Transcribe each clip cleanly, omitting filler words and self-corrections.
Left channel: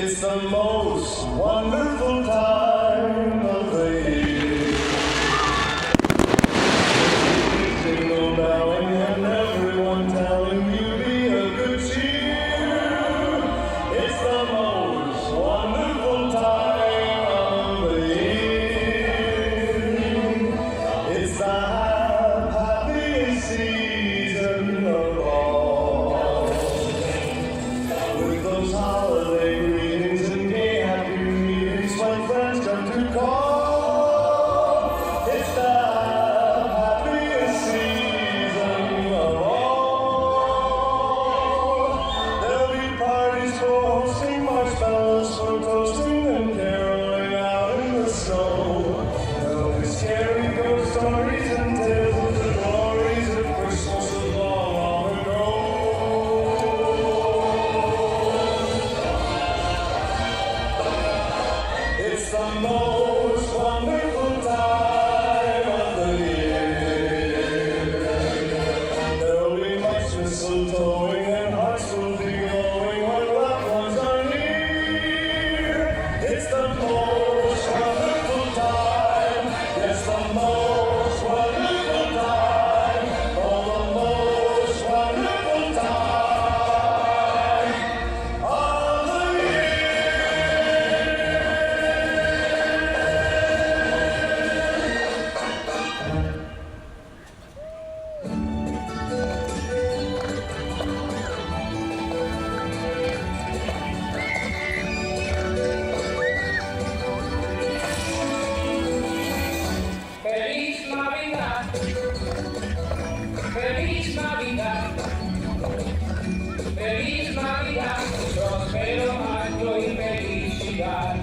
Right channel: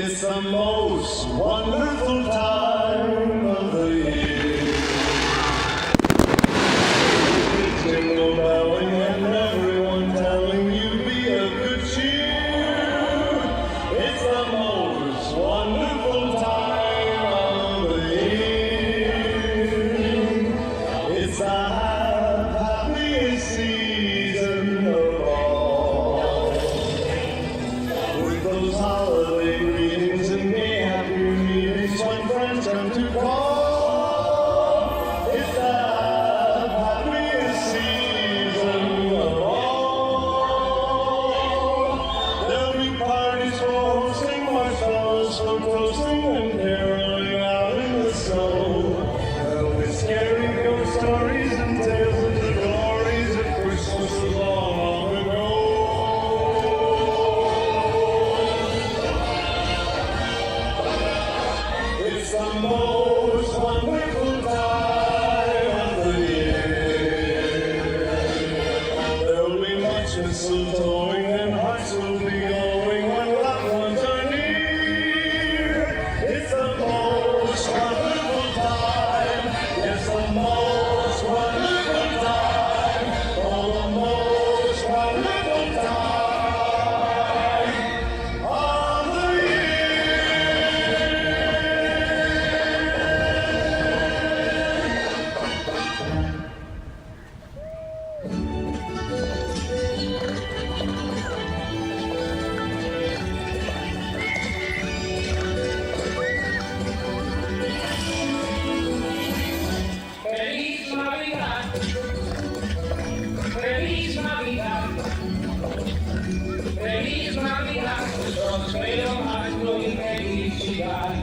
It's the most wonderful time of the year. Jingle belling and everyone telling you be of good cheer. It's the most wonderful time of the year. It's the happiest season of all. With those holiday greetings and gay happy meetings when friends come to call. It's the happiest season of all. There'll be parties for hosting, marshmallows for toasting, and caroling out in the snow. There'll be scary ghost stories and tales of the glories of Christmases long, long ago. It's the most wonderful time of the year. There'll be much mistletoeing and hearts will be glowing when loved ones are near. It's the most wonderful time. Yes, the most wonderful time. Oh, the most wonderful time of the year. Feliz Navidad, Feliz Navidad, Feliz Navidad, prospero año y felicidad.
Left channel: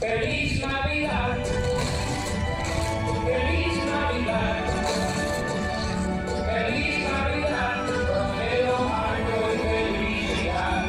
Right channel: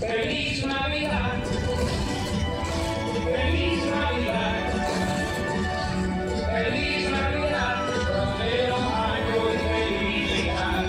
Feliz Navidad, Feliz Navidad, Feliz Navidad, prospero año y felicidad.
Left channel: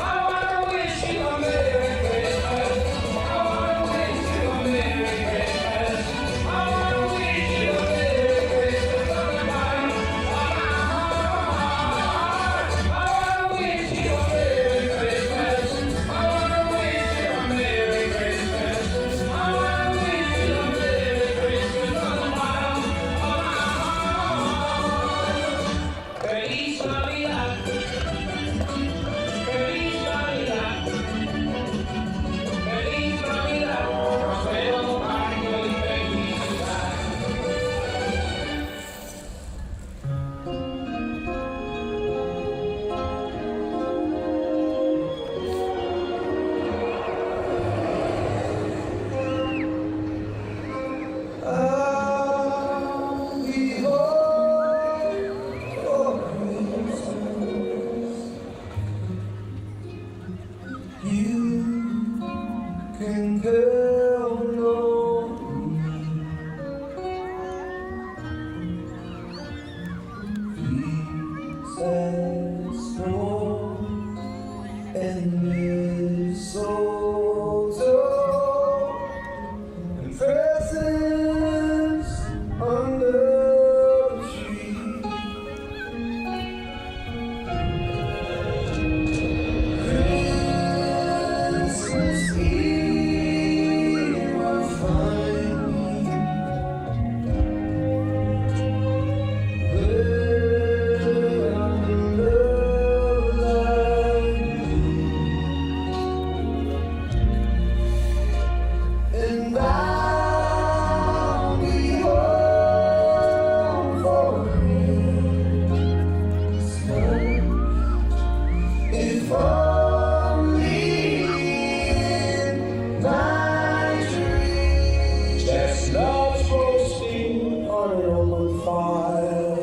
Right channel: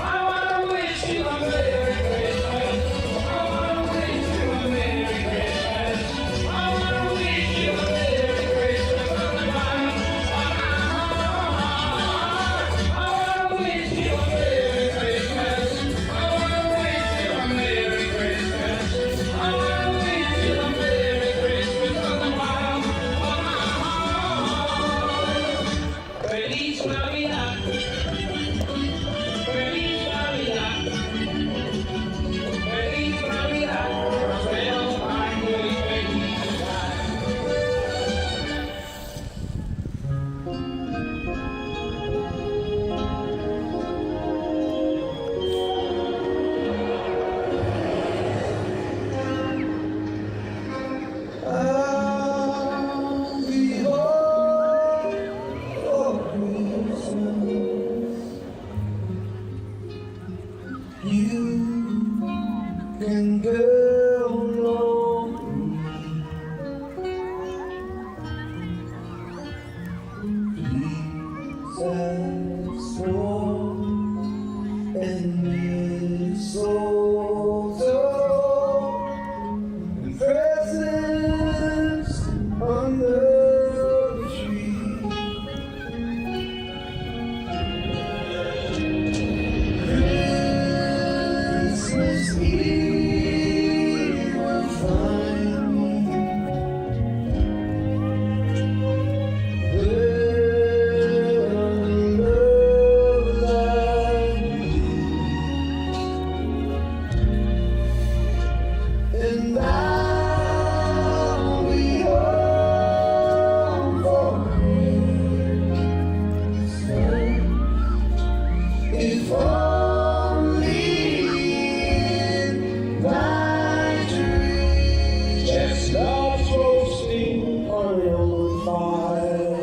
I wanna wish you a Merry Christmas. I wanna wish you a Merry Christmas. I wanna wish you a Merry Christmas from the bottom of my heart. I wanna wish you a Merry Christmas. I wanna wish you a Merry Christmas. I wanna wish you a Merry Christmas from the bottom of my heart. Feliz Navidad. Feliz Navidad. Feliz Navidad, prospero año y felicidad. We hope for Christmas. You can count on Princess Aurora and mistletoe and presents under the tree. Christmas Eve will find me where love like you. And I'll be home for Christmas. If only in my dreams. Chestnuts roasting on an open fire.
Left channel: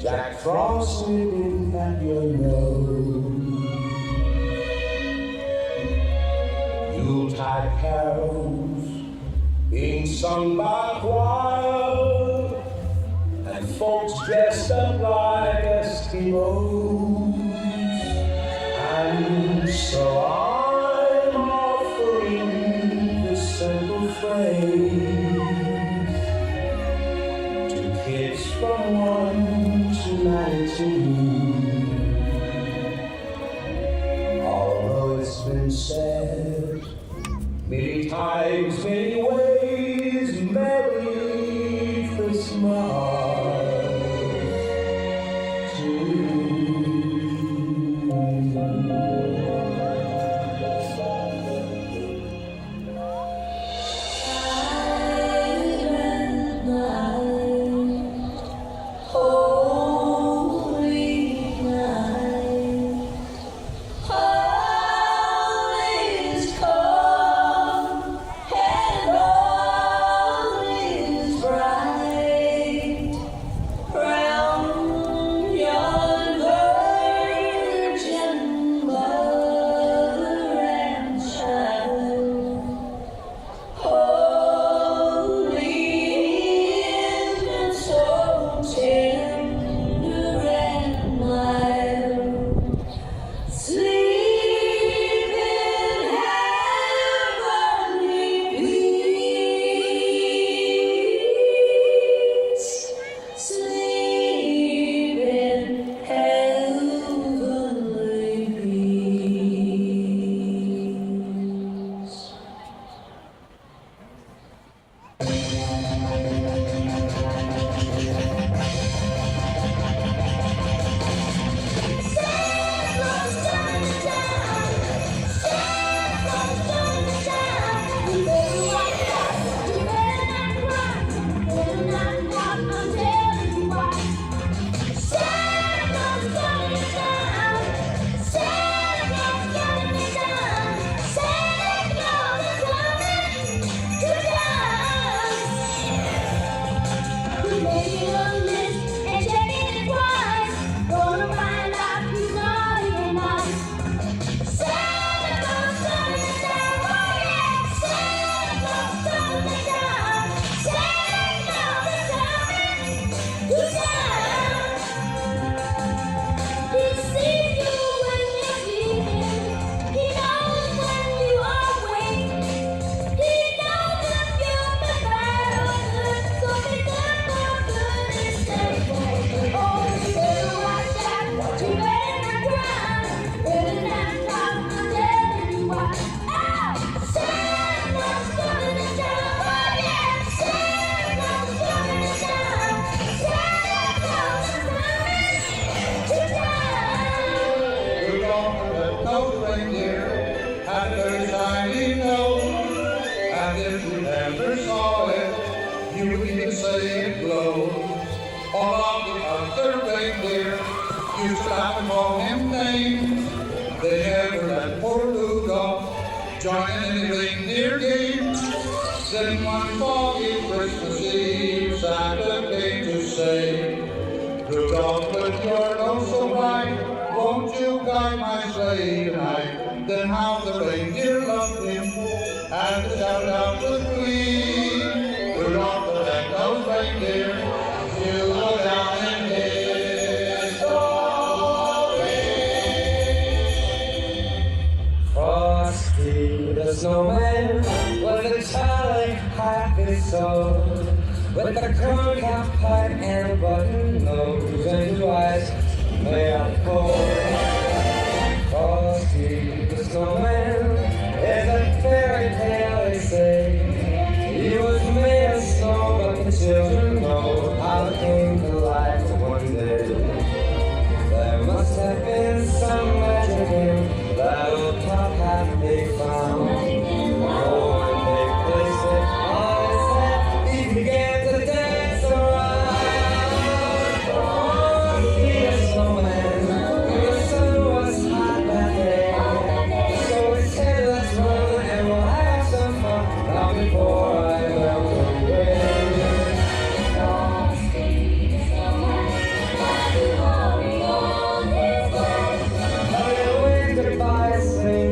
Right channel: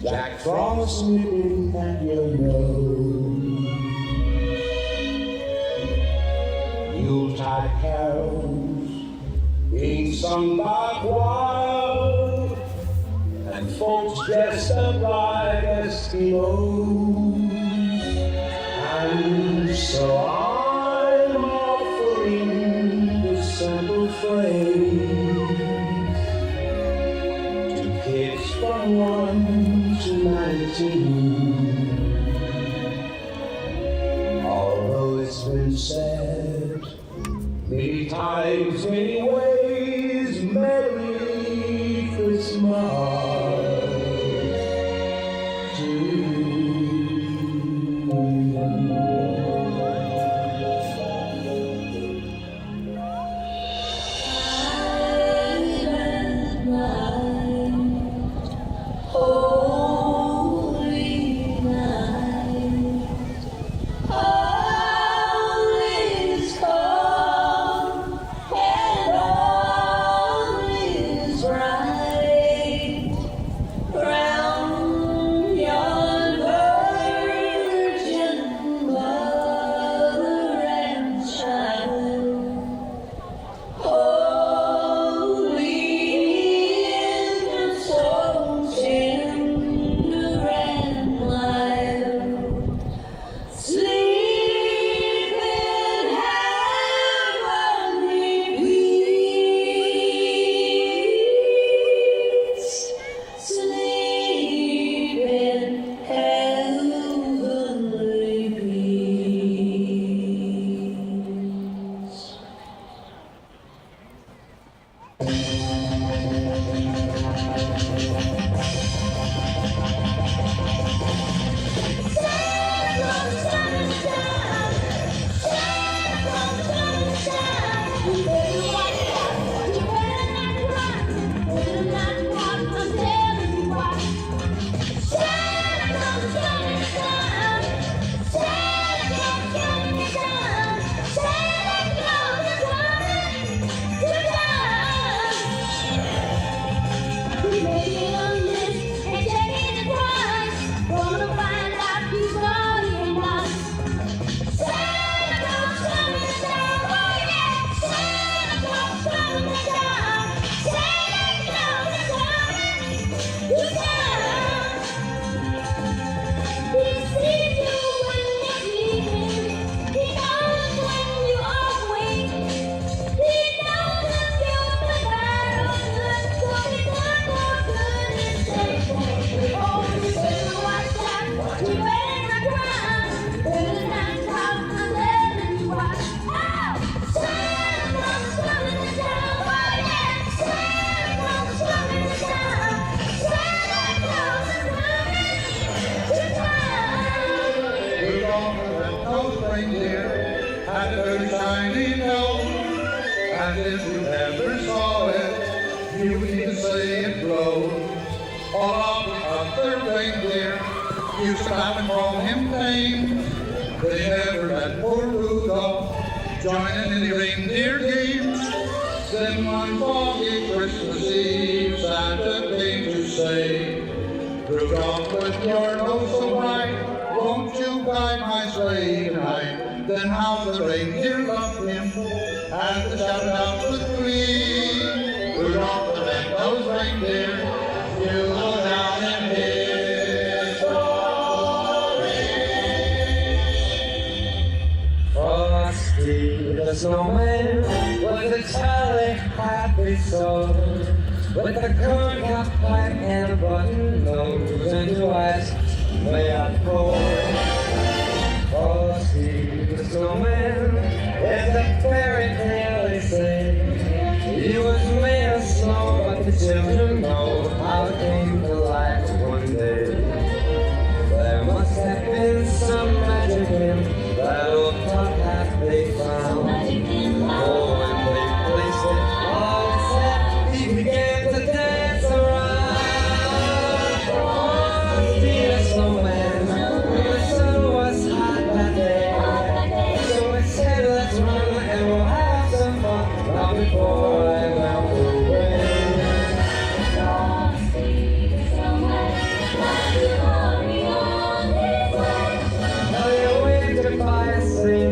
Jack Frost nipping at your nose. Yuletide carols being sung by choir, and folks dressed up like Eskimos. And so I'm offering this simple phrase to kids from 1 to 19. had a very shiny nose, and if you ever saw it, you would even say it glowed. All of the other reindeer used to laugh and call him names. They never let poor Rudolph join in the reindeer games. Then one foggy Christmas Eve, Santa came to say, Rudolph, with your nose so bright, won't you guide my sleigh tonight? Then how the reindeer loved him, and they shouted out with glee, Rudolph the red-nosed reindeer, you go down in history. Frosty the snowman was a jolly happy soul, with a corn cob pipe and a button nose and two eyes made out of coal. Frosty the snowman is a fairy tale, they say. He was made of snow, but the children know how it came to life one day. There must have been some magic in that old top hat they found. Oh, when they placed it on his head, he began to dance around. Frosty the snowman, the sun was hot that day. So I said, let's run and we'll have some fun, now before I melt away.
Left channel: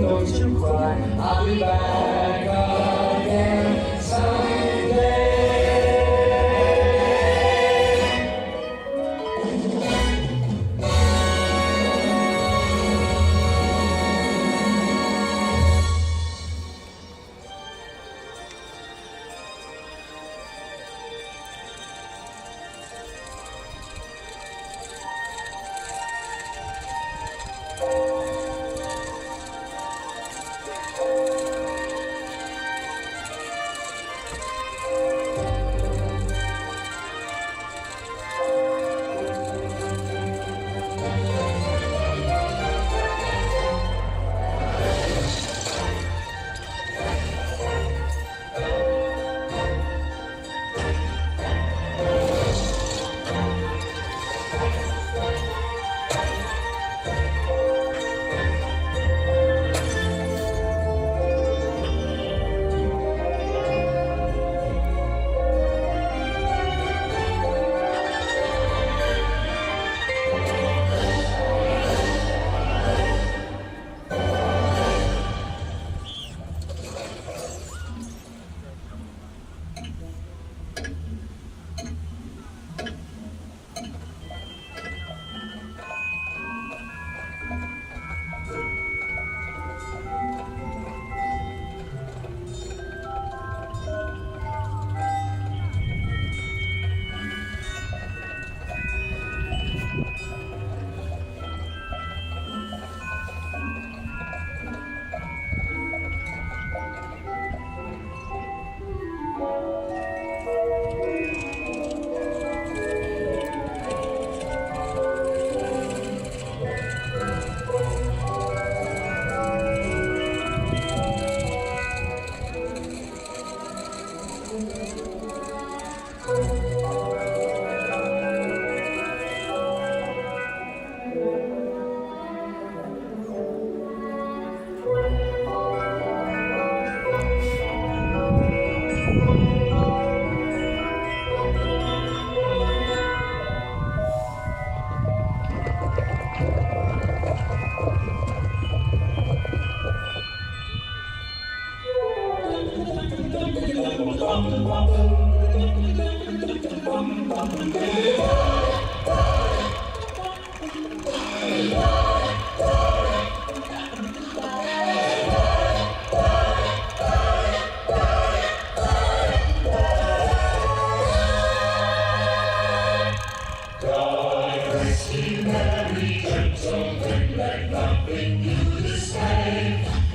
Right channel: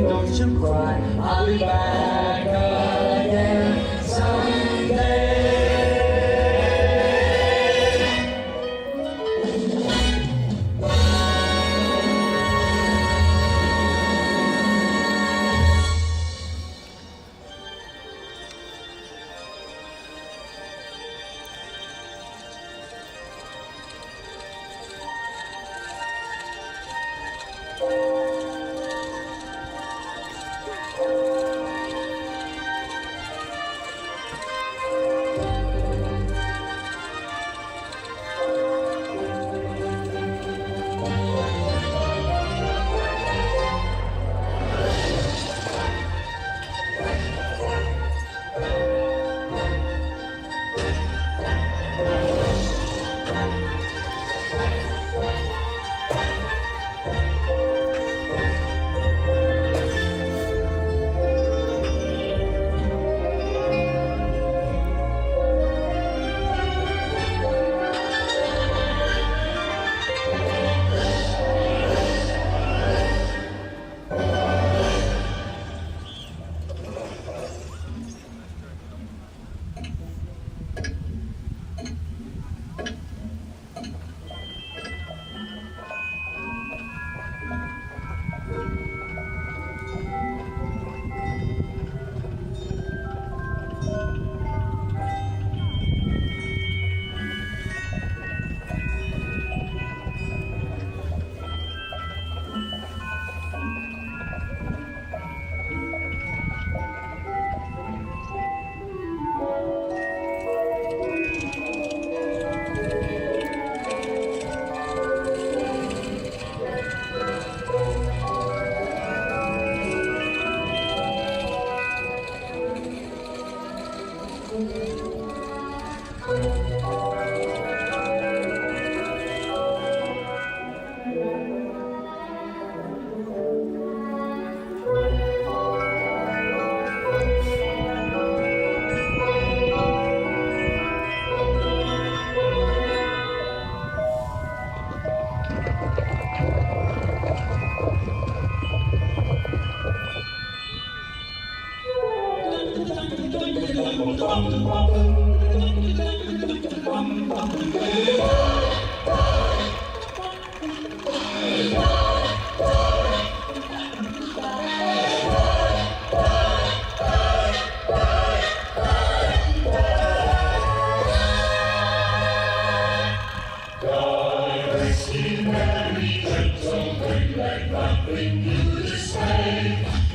Don't you cry, I'll be back again someday.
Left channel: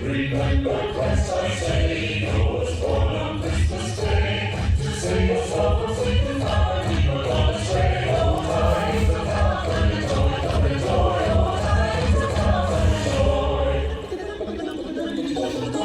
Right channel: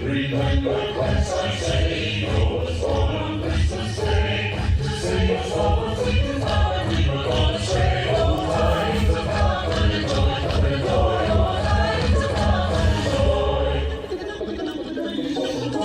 Remember twice I say, I was born on Christmas Day. To sing a song of sweet time, we were gonna say, oh, times of comfort and joy, comfort and joy, oh, times of comfort and joy.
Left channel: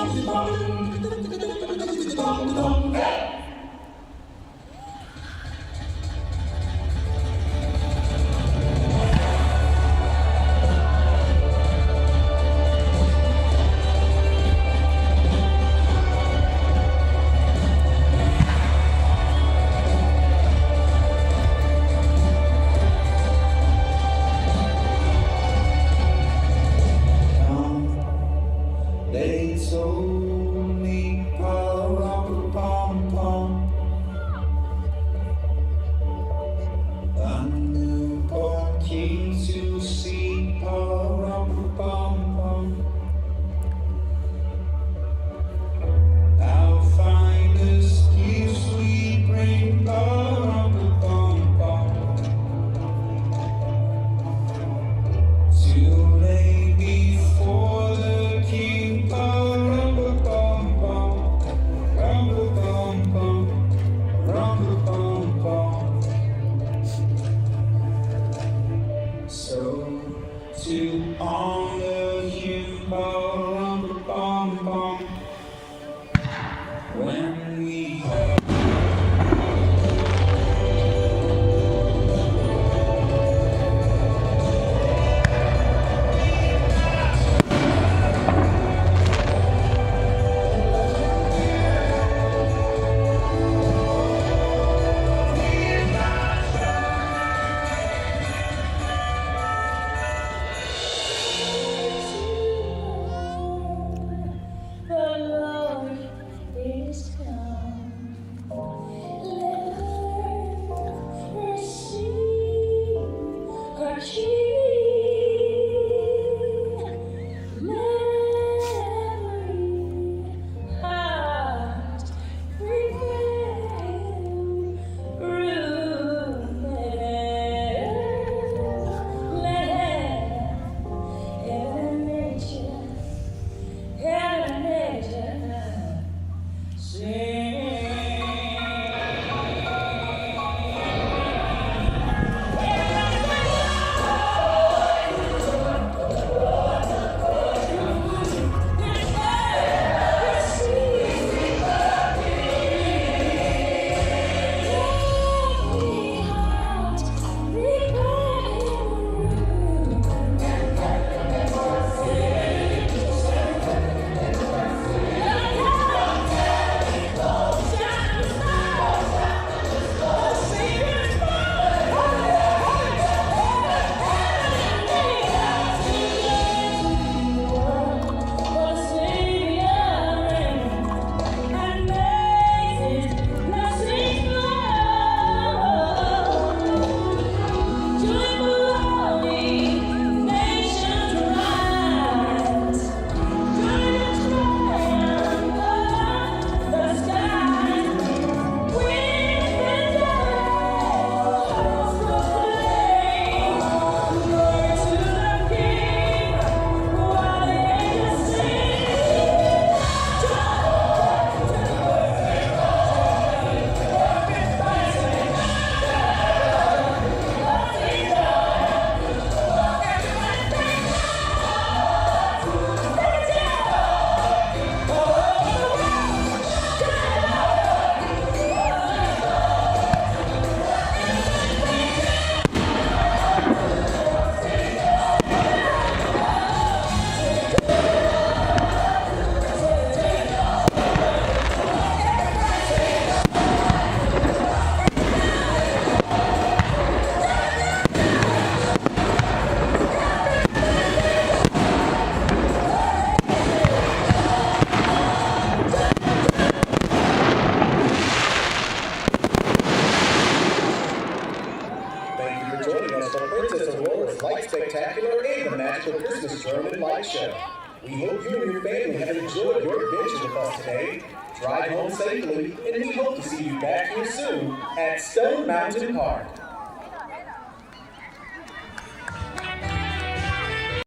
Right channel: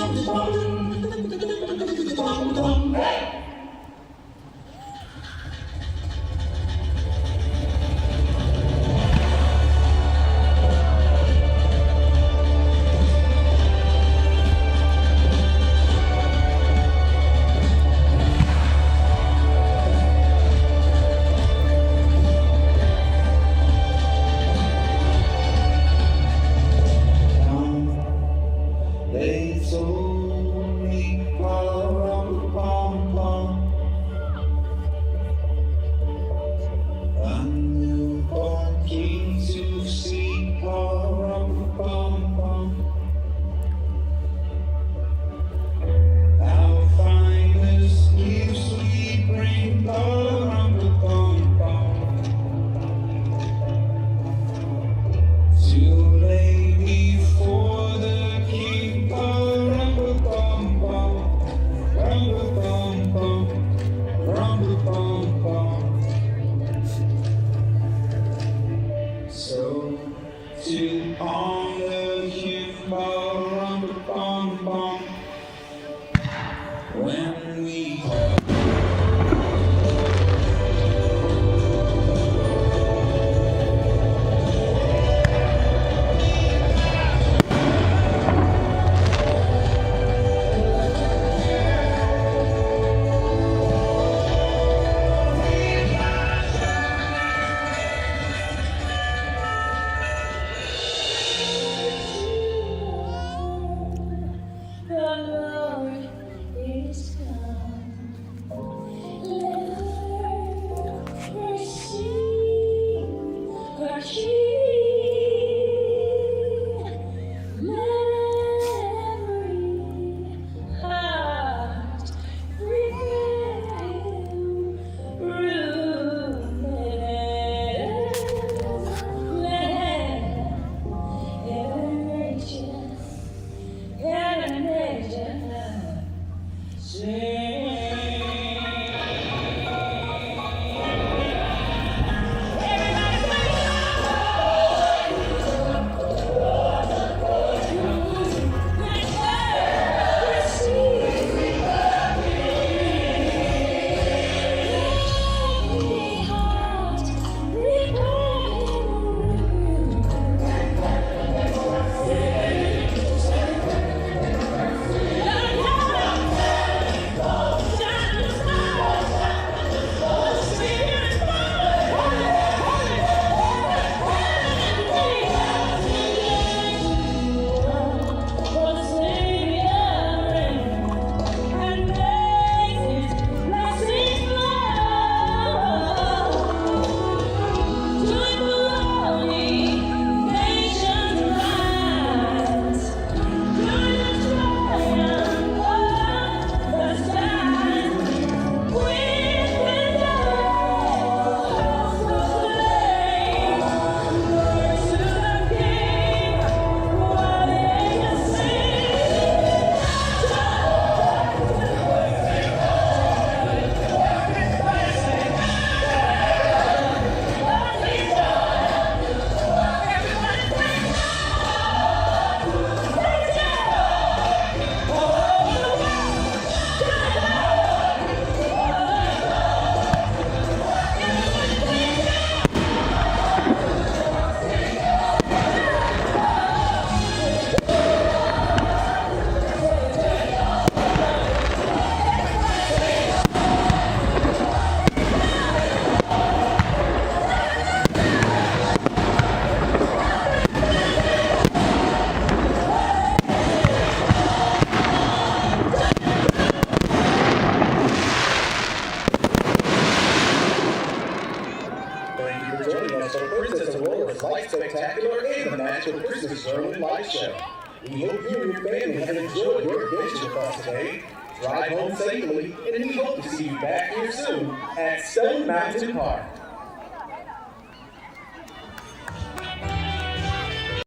joining us for Princess Aurora's Light Spectacular and the Magical Christmas German Light Show. We hope you and your family have enjoyed your adventure with us today. Drive home safely, and we hope to see you back here soon at Stone Mountain Park.